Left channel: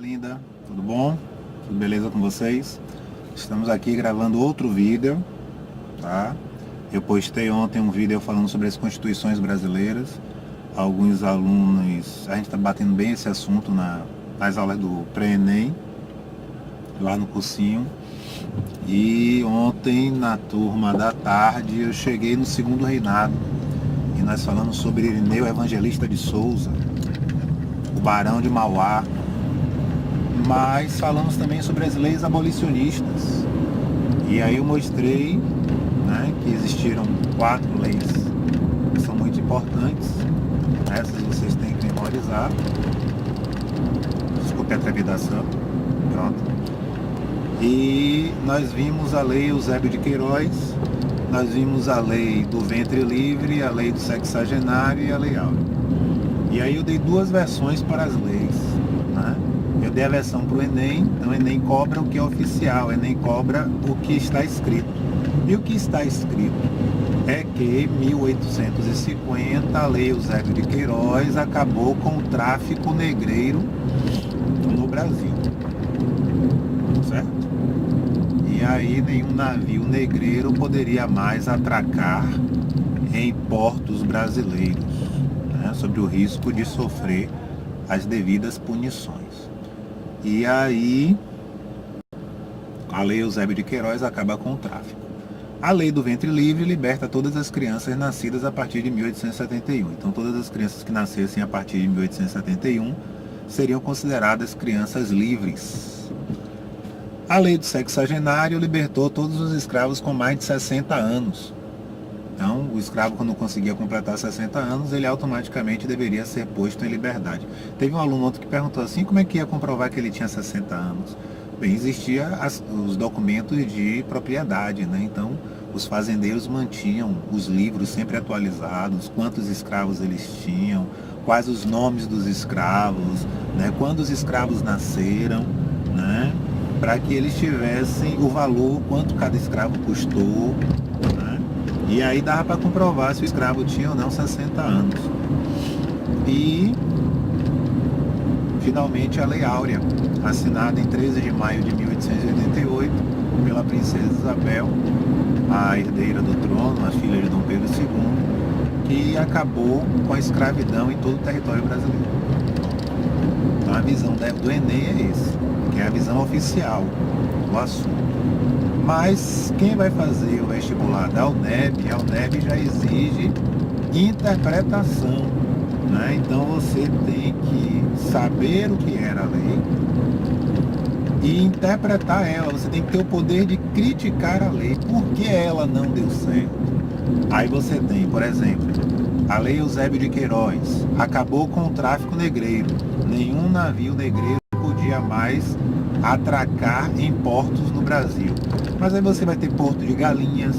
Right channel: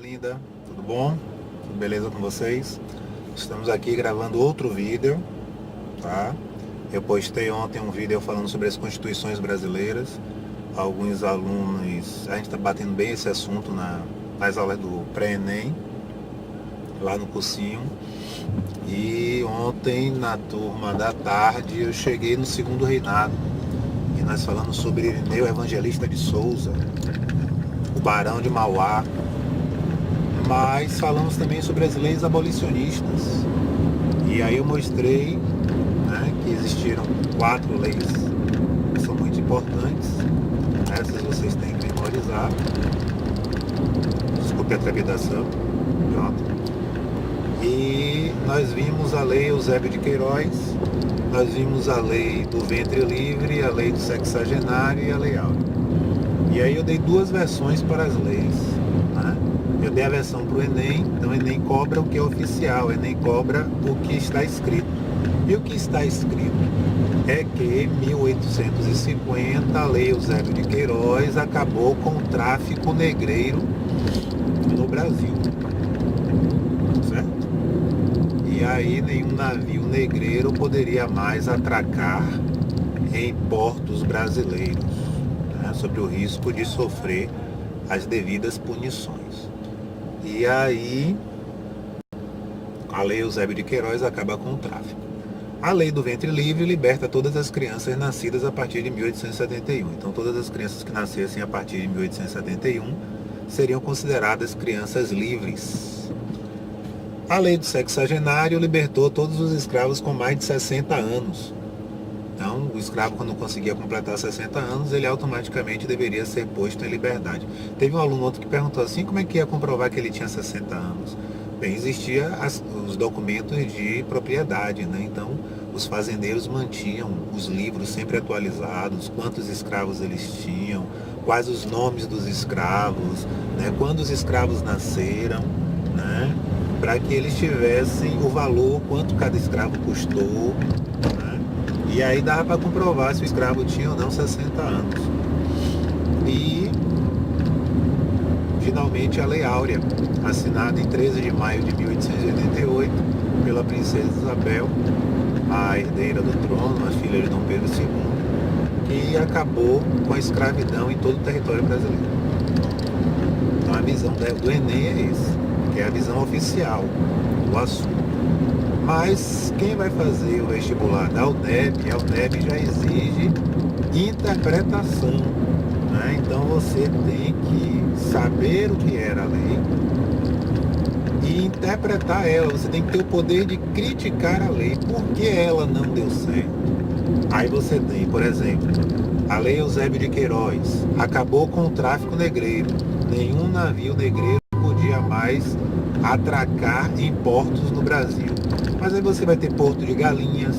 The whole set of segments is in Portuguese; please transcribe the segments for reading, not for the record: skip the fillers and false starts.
linda, tudo bom? Tudo beleza com vocês? Estamos aqui gravando outro vídeo, tá? Eu postei ontem um vídeo falando sobre as constituições brasileiras. Alguns alunos, a gente está batendo bem esse assunto nas aulas do pré-ENEM, lá no cursinho. E ontem, na turma da tarde, eu cheguei no segundo reinado. E nós falamos sobre Irineu Evangelista de Souza, o Barão de Mauá. Mas falamos também sobre as leis abolicionistas. E aí eu mostrei, né, que existiram 4 leis que são muito importantes. Essas vocês têm que memorizar. Desculpe a trepidação. Pronto. E nós vimos a lei Eusébio de Queiroz, nós vimos a lei do ventre livre, a lei do sexagenário e a lei áurea. E aí eu dei 2 versões para as leis, né? Eu dei a versão para o Enem, então o Enem cobra o que é oficial, o Enem cobra o que está escrito. E o que está escrito é que em 1850 a lei Eusébio de Queiroz acabou com o tráfico negreiro no Brasil, certo? E aí nenhum navio negreiro poderia mais atracar em portos brasileiros, né, sob o risco de sofrer as devidas punições. E aí a lei Eusébio de Queiroz acaba com o tráfico. A lei do ventre livre liberta todas as crianças nascidas a partir de 1871. Então todas as crianças que nascessem a partir de 1871 seriam consideradas crianças livres. A lei do sexagenário libertou todos os escravos com mais de 60 anos. Então, o escravo, quando conseguia completar 60 anos, ele automaticamente deveria ser posto em liberdade. Teve um aluno outro que perguntou assim, como é que ia comprovar que ele tinha 60 anos? Bem, existia os documentos de propriedade, né? Então, os fazendeiros mantinham os livros sempre atualizados, quantos escravos eles tinham, quais os nomes dos escravos, né? Quando os escravos nasceram, né? Para que eles tivessem o valor, quanto cada escravo custou, né? E aí dava para comprovar se o escravo tinha ou não 60 anos. E, finalmente, a Lei Áurea, assinada em 13 de maio de 1888 pela princesa Isabel, a herdeira do trono, a filha de Dom Pedro II, que acabou com a escravidão em todo o território brasileiro. Então a visão do Enem é esse, que é a visão oficial do assunto. Mas quem vai fazer o vestibular da UNEB, a UNEB já exige interpretação, né? Então você tem que saber o que era a lei e interpretar ela. Você tem que ter o poder de criticar a lei, por que ela não deu certo. Aí você tem, por exemplo, a lei Eusébio de Queiroz acabou com o tráfico negreiro. Nenhum navio negreiro podia mais atracar em portos no Brasil. Mas aí você vai ter Porto de Galinhas,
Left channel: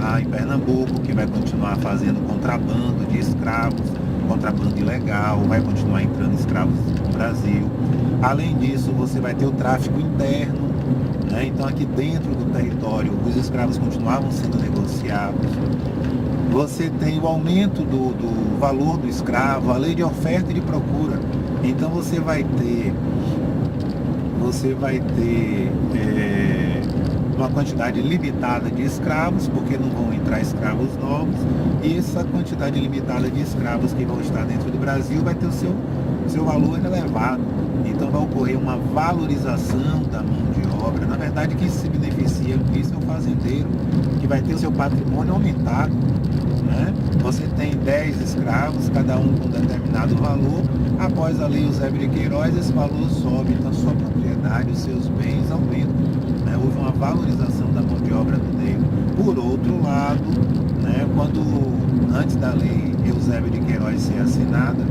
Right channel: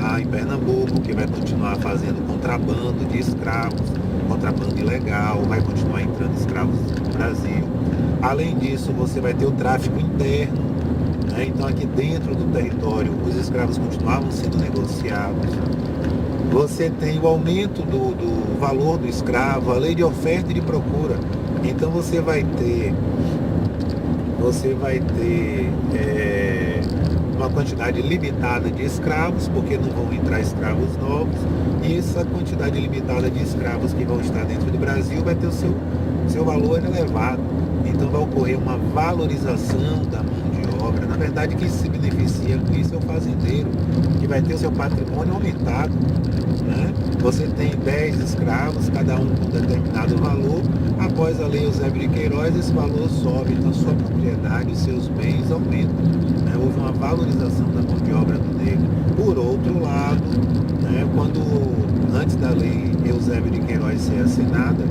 lá em Pernambuco, que vai continuar fazendo contrabando de escravos, contrabando ilegal, vai continuar entrando escravos no Brasil. Além disso, você vai ter o tráfico interno, né? Então aqui dentro do território os escravos continuavam sendo negociados. Você tem o aumento do valor do escravo, a lei de oferta e de procura. Então você vai ter uma quantidade limitada de escravos, porque não vão entrar escravos novos, e essa quantidade limitada de escravos que vão estar dentro do Brasil vai ter o seu valor elevado. Então vai ocorrer uma valorização da mão de obra. Na verdade, quem se beneficia com isso é o fazendeiro, que vai ter o seu patrimônio aumentado, né? Você tem 10 escravos, cada um com determinado valor. Após a lei Eusébio de Queiroz, esse valor sobe, então sua propriedade, os seus bens aumentam, né? Houve uma valorização da mão de obra do negro. Por outro lado, né, antes da lei Eusébio de Queiroz ser assinada,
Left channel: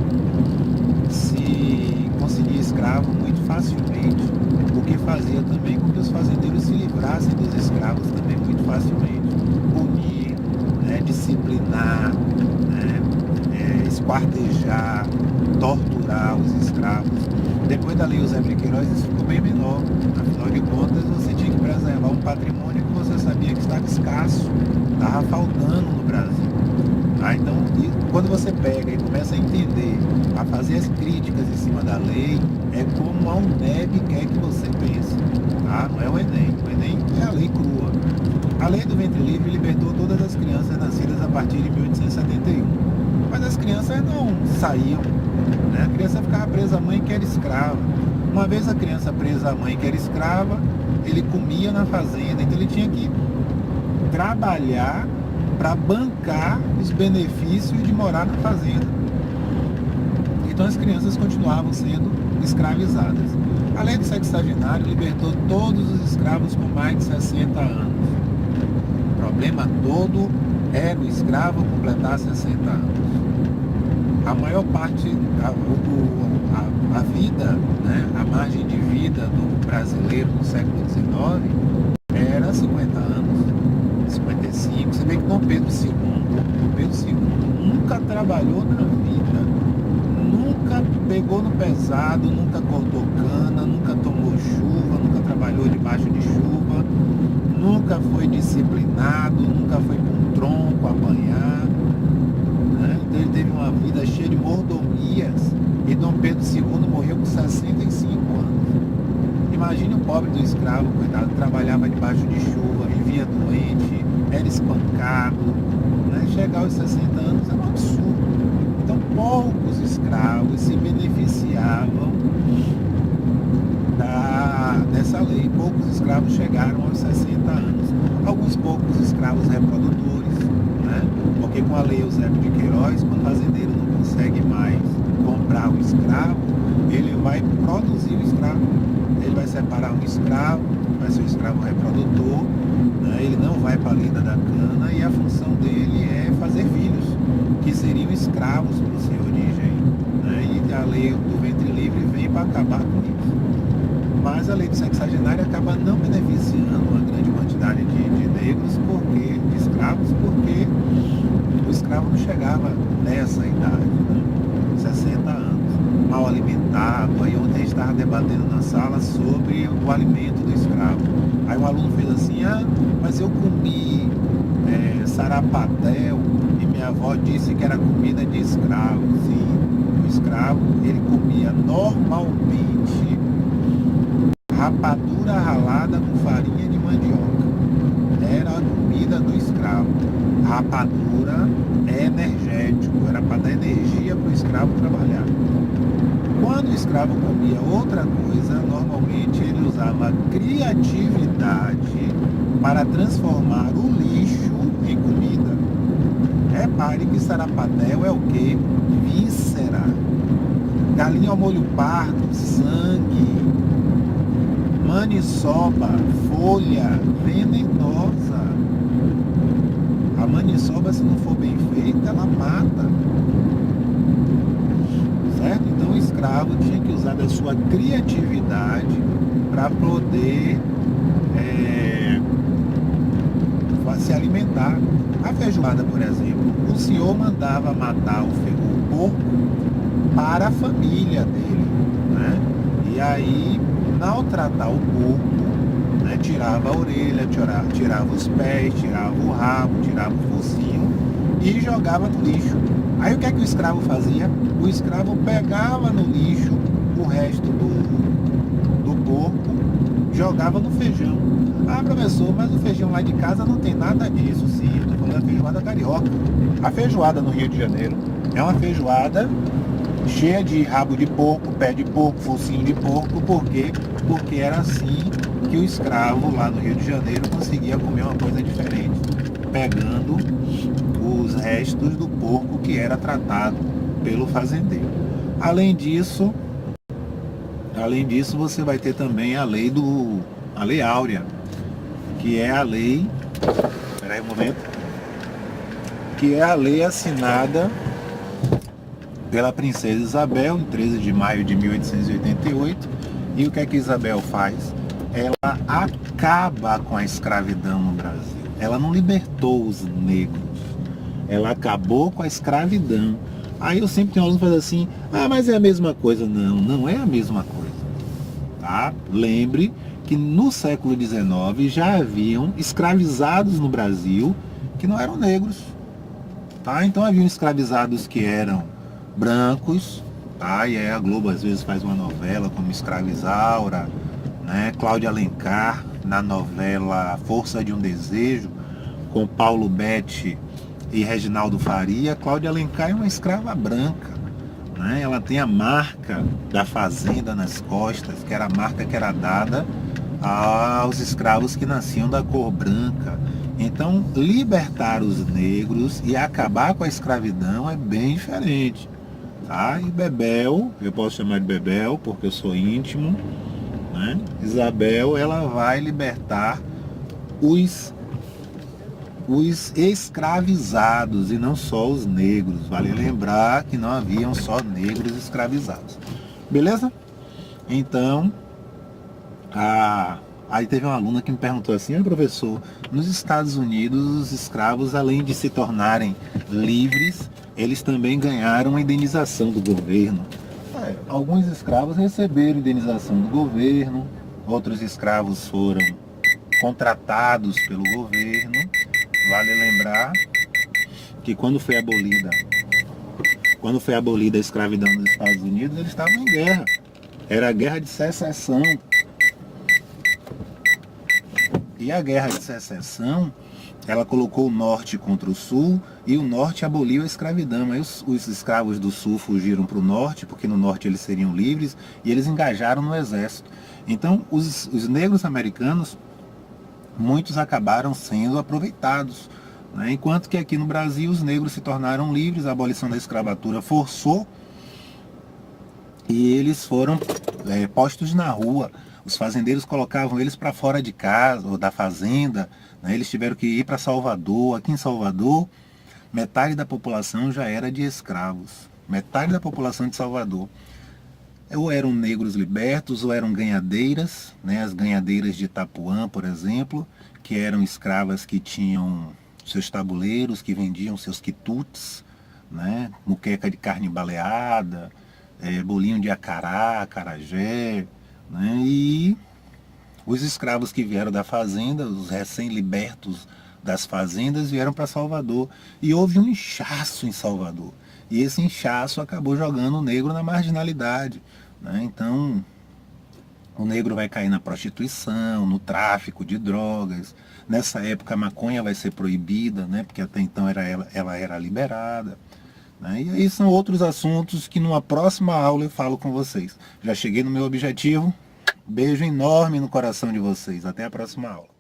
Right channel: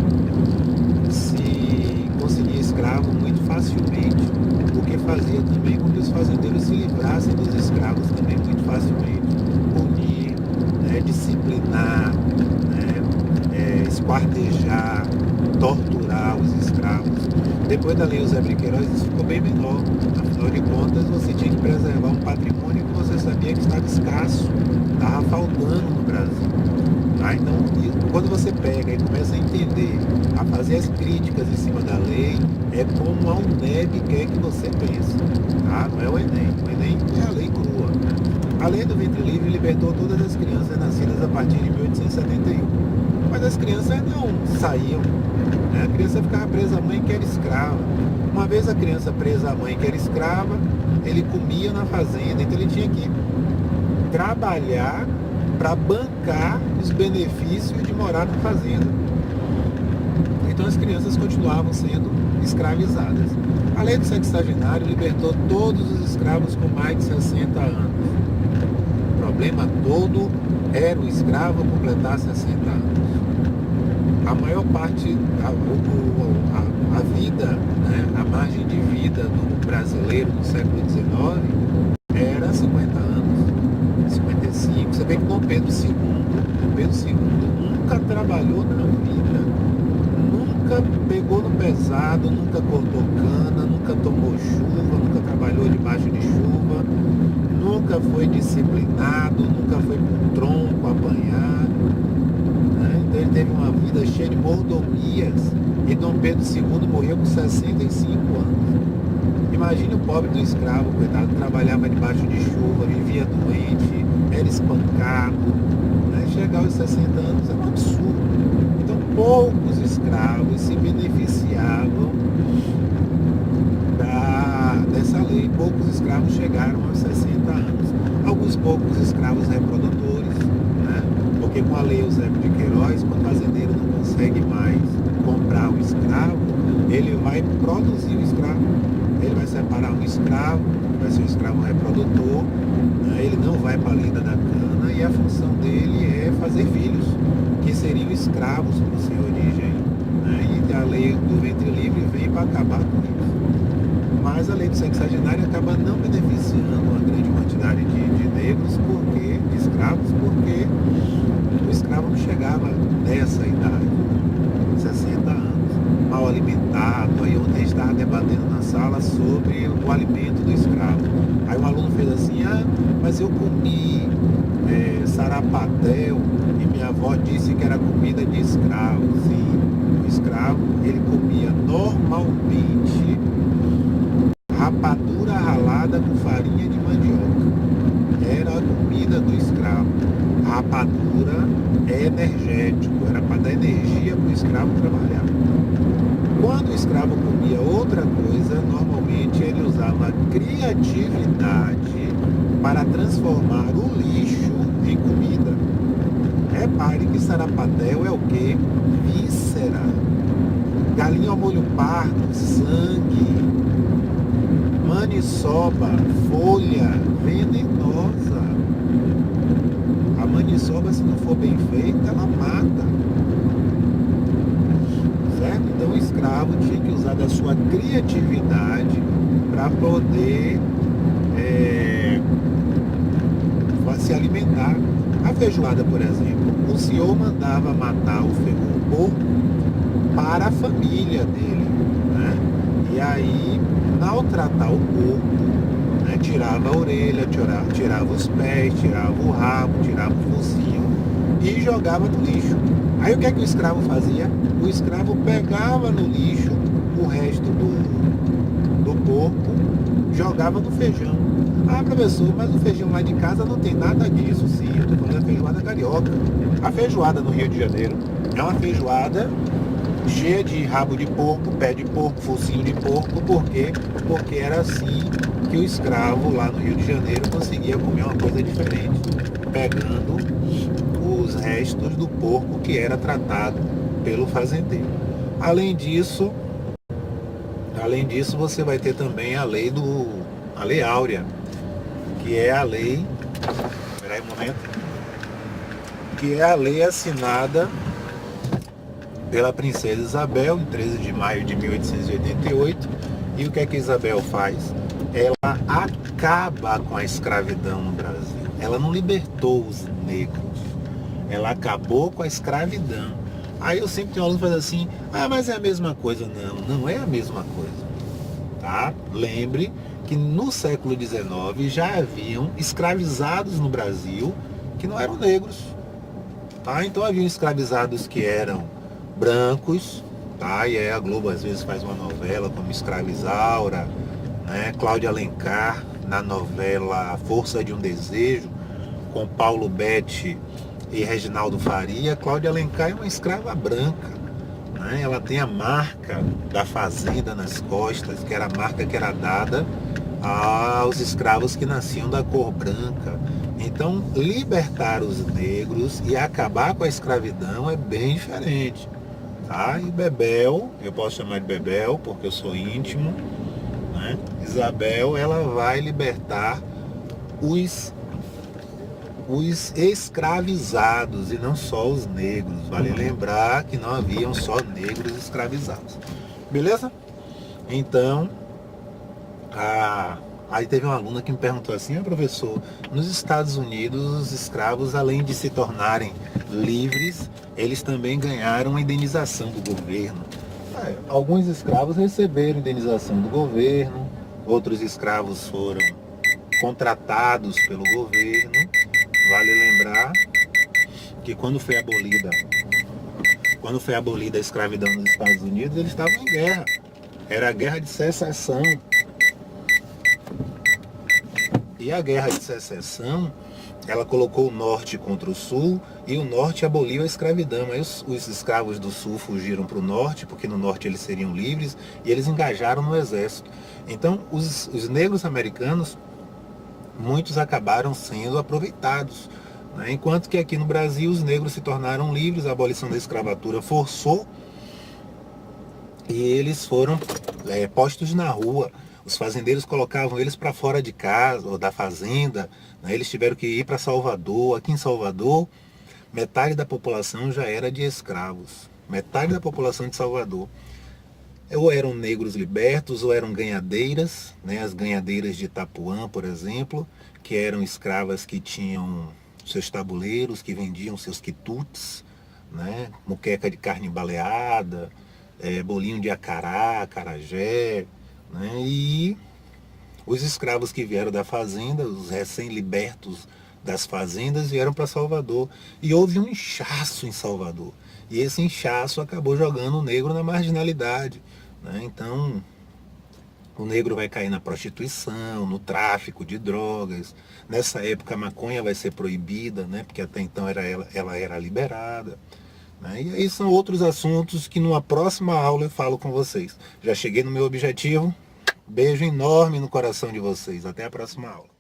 se conseguia escravo muito facilmente, o que fazia também com que os fazendeiros se livrassem dos escravos também muito facilmente. Punir, né, disciplinar, né, esquartejar, torturar os escravos. Depois da lei Eusébio de Queiroz, isso ficou bem menor. Afinal de contas, você tinha que preservar um patrimônio que você sabia que estava escasso, estava faltando no Brasil. Tá? Então, quando você pega e começa a entender, a fazer as críticas em cima da lei, é como a UNEB quer que você pense. Tá? Não é o Enem. O Enem é a lei crua. A lei do ventre livre libertou todas as crianças nascidas a partir de 1871. Mas as crianças não saíam. Né? A criança ficava presa à mãe que era escrava. Uma vez a criança presa à mãe que era escrava, ele comia na fazenda. Então ele tinha que trabalhar para bancar os benefícios de morar na fazenda. Então as crianças continuavam sendo escravizadas. A lei do sexagenário libertou todos os escravos com mais de 60 anos. O problema todo era o escravo completar 60 anos. A maior parte, a vida, né, a margem de vida do brasileiro no século XIX era 50 anos, 55. Você vê que Dom Pedro II nunca trabalhou na vida, nunca pegou no pesado, nunca cortou cana, nunca tomou chuva, nunca trabalhou debaixo de chuva, nunca foi disciplinado, nunca foi com tronco apanhar. Então ele teve uma vida cheia de mordomias e Dom Pedro II morreu com 65 anos. Imagine o pobre do escravo, coitado, trabalhava debaixo de chuva, vivia doente, era espancado. Né? Chegar aos 60 anos é um absurdo. Então poucos escravos se beneficiavam dessa lei. Poucos escravos chegaram aos 60 anos. Alguns poucos escravos reprodutores, né? Porque com a lei Eusébio de Queiroz, quando o fazendeiro não consegue mais comprar o escravo, ele vai produzir o escravo. Ele vai separar um escravo, vai ser um escravo reprodutor, né? Ele não vai para a lida da cana e a função dele é fazer filhos, que seriam escravos para o seu origem. Né? E a lei do ventre livre vem para acabar com isso. Mas a lei do sexagenário acaba não beneficiando uma grande quantidade de negros, de escravos, porque o escravo não chegava nessa idade, né? 60 anos, mal alimentado. Aí ontem a gente estava debatendo na sala sobre o alimento do escravo. Aí um aluno fez assim, mas eu comi sarapatel e minha avó disse que era comida de escravo. Sim, o escravo, ele comia normalmente rapadura ralada com farinha de mandioca. Era a comida do escravo. Rapadura é energético, era para dar energia para o escravo trabalhar. Quando o escravo comia outra coisa, normalmente ele usava criatividade para transformar o lixo em comida. Repare que sarapatel é o quê? Víscera. Galinha ao molho pardo, sangue. Maniçoba, folha venenosa. A maniçoba, se não for bem feita, ela mata. Certo? Então o escravo tinha que usar da sua criatividade para poder se alimentar. A feijoada, por exemplo, o senhor mandava matar o porco para a família dele. Né? E aí, ao tratar o porco, né, tirava a orelha, tirava os pés, tirava o rabo, tirava o focinho e jogava no lixo. Aí o que é que o escravo fazia? O escravo pegava no lixo o resto do porco, jogava no feijão. Ah, professor, mas o feijão lá de casa não tem nada disso. Sim, eu estou falando da feijoada carioca. A feijoada no Rio de Janeiro é uma feijoada cheia de rabo de porco, pé de porco, focinho de porco. Por quê? Porque era assim que o escravo lá no Rio de Janeiro conseguia comer uma coisa diferente, pegando os restos do porco que era tratado pelo fazendeiro. Além disso, você vai ter também a lei áurea, que é a lei, espera aí um momento, que é a lei assinada pela princesa Isabel, em 13 de maio de 1888. E o que é que Isabel faz? Ela acaba com a escravidão no Brasil. Ela não libertou os negros, ela acabou com a escravidão. Aí eu sempre tenho aluno que faz assim, mas é a mesma coisa. Não, não é a mesma coisa. Tá? Lembre que no século XIX já haviam escravizados no Brasil que não eram negros. Tá? Então haviam escravizados que eram brancos, tá? E aí a Globo às vezes faz uma novela como Escravizaura, né? Cláudia Alencar na novela Força de um Desejo, com Paulo Betti e Reginaldo Faria. Cláudia Alencar é uma escrava branca, né? Ela tem a marca da fazenda nas costas, que era a marca que era dada aos escravos que nasciam da cor branca. Então, libertar os negros e acabar com a escravidão é bem diferente. Tá? E Bebel, eu posso chamar de Bebel porque eu sou íntimo, né? Isabel, ela vai libertar os escravizados e não só os negros. Vale lembrar que não haviam só negros escravizados. Beleza? Então, aí teve uma aluna que me perguntou assim: professor, nos Estados Unidos os escravos, além de se tornarem livres, eles também ganharam uma indenização do governo. Alguns escravos receberam indenização do governo, outros escravos foram contratados pelo governo. Vale lembrar que quando foi abolida a escravidão nos Estados Unidos, eles estavam em guerra. Era a guerra de secessão. E a guerra de secessão, ela colocou o norte contra o sul, e o norte aboliu a escravidão. Aí os escravos do sul fugiram para o norte, porque no norte eles seriam livres, e eles engajaram no exército. Então, os negros americanos, muitos acabaram sendo aproveitados, né? Enquanto que aqui no Brasil os negros se tornaram livres, a abolição da escravatura forçou, e eles foram postos na rua. Os fazendeiros colocavam eles para fora de casa ou da fazenda, né? Eles tiveram que ir para Salvador. Aqui em Salvador, metade da população já era de escravos. Metade da população de Salvador. Ou eram negros libertos, ou eram ganhadeiras, né? As ganhadeiras de Itapuã, por exemplo, que eram escravas que tinham seus tabuleiros, que vendiam seus quitutes, né? Muqueca de carne baleada, bolinho de acará, acarajé, né? E os escravos que vieram da fazenda, os recém-libertos das fazendas, vieram para Salvador. E houve um inchaço em Salvador. E esse inchaço acabou jogando o negro na marginalidade, né? Então, o negro vai cair na prostituição, no tráfico de drogas. Nessa época a maconha vai ser proibida, né? Porque até então ela era liberada, né? E aí são outros assuntos que numa próxima aula eu falo com vocês. Já cheguei no meu objetivo. Beijo enorme no coração de vocês. Até a próxima aula.